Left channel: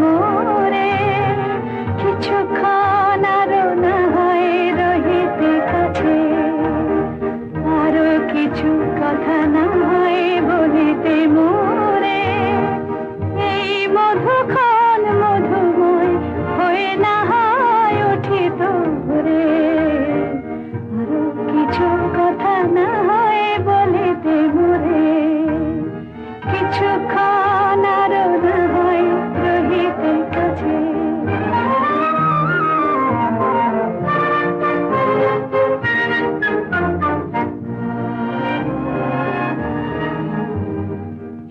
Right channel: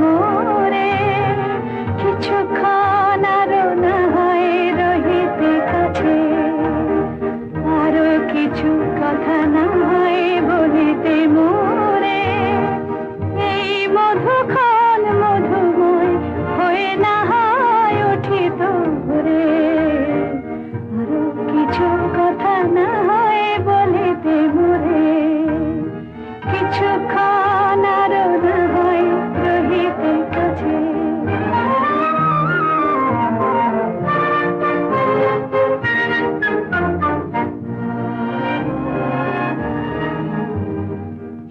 মোরে কিছুক্ষণ আরো না হয় রহিতে কাছে, আরো কিছু কথা না হয় বলিতে মোরে, এই মধুক্ষণ মধুময় হয়ে না হয় উঠিত ভোরে, আরো কিছু কথা না হয় বলিতে মোরে, কিছুক্ষণ আরো না হয় রহিতে কাছে।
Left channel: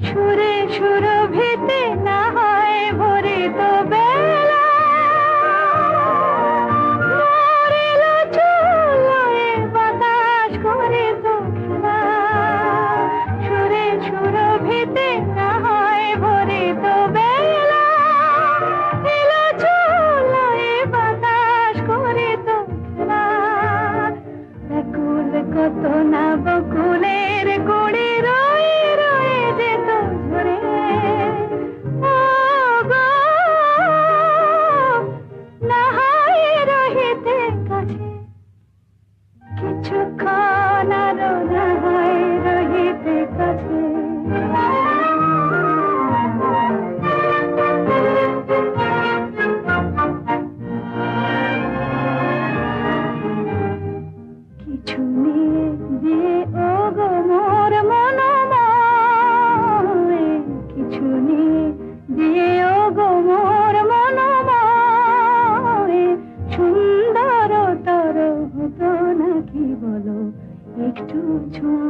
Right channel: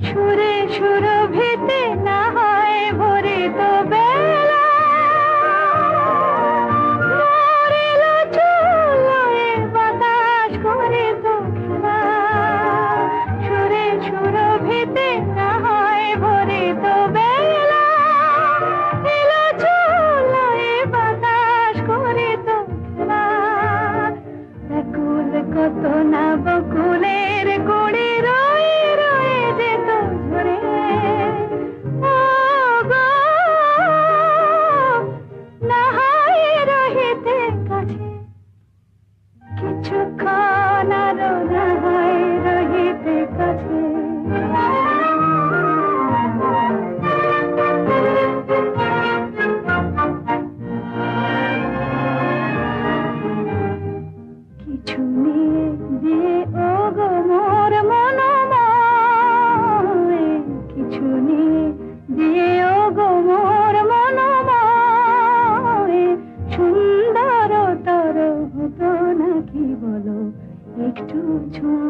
সুরে সুরভিতে না হয় ভরিত বেলা, মরিল চুলোয় বাতাস করিত খেলা। সুরে সুরভিতে না হয় ভরিত বেলা, মরিল চুলোয় বাতাস করিত খেলা। ব্যাকুল কত না বকুলের গুড়ি রয়ে রয়ে যেত ঝরে, ও গো না হয় রহিতে কাছে, কিছুক্ষণ আরো না হয় রহিতে কাছে। কিছু নিয়ে দিয়ে ও গো মোর মনোময়, কিছু নিয়ে দিয়ে ও গো মোর মনোময়, সুন্দর তর হতো নাকি বলো একটু ছোঁয়া।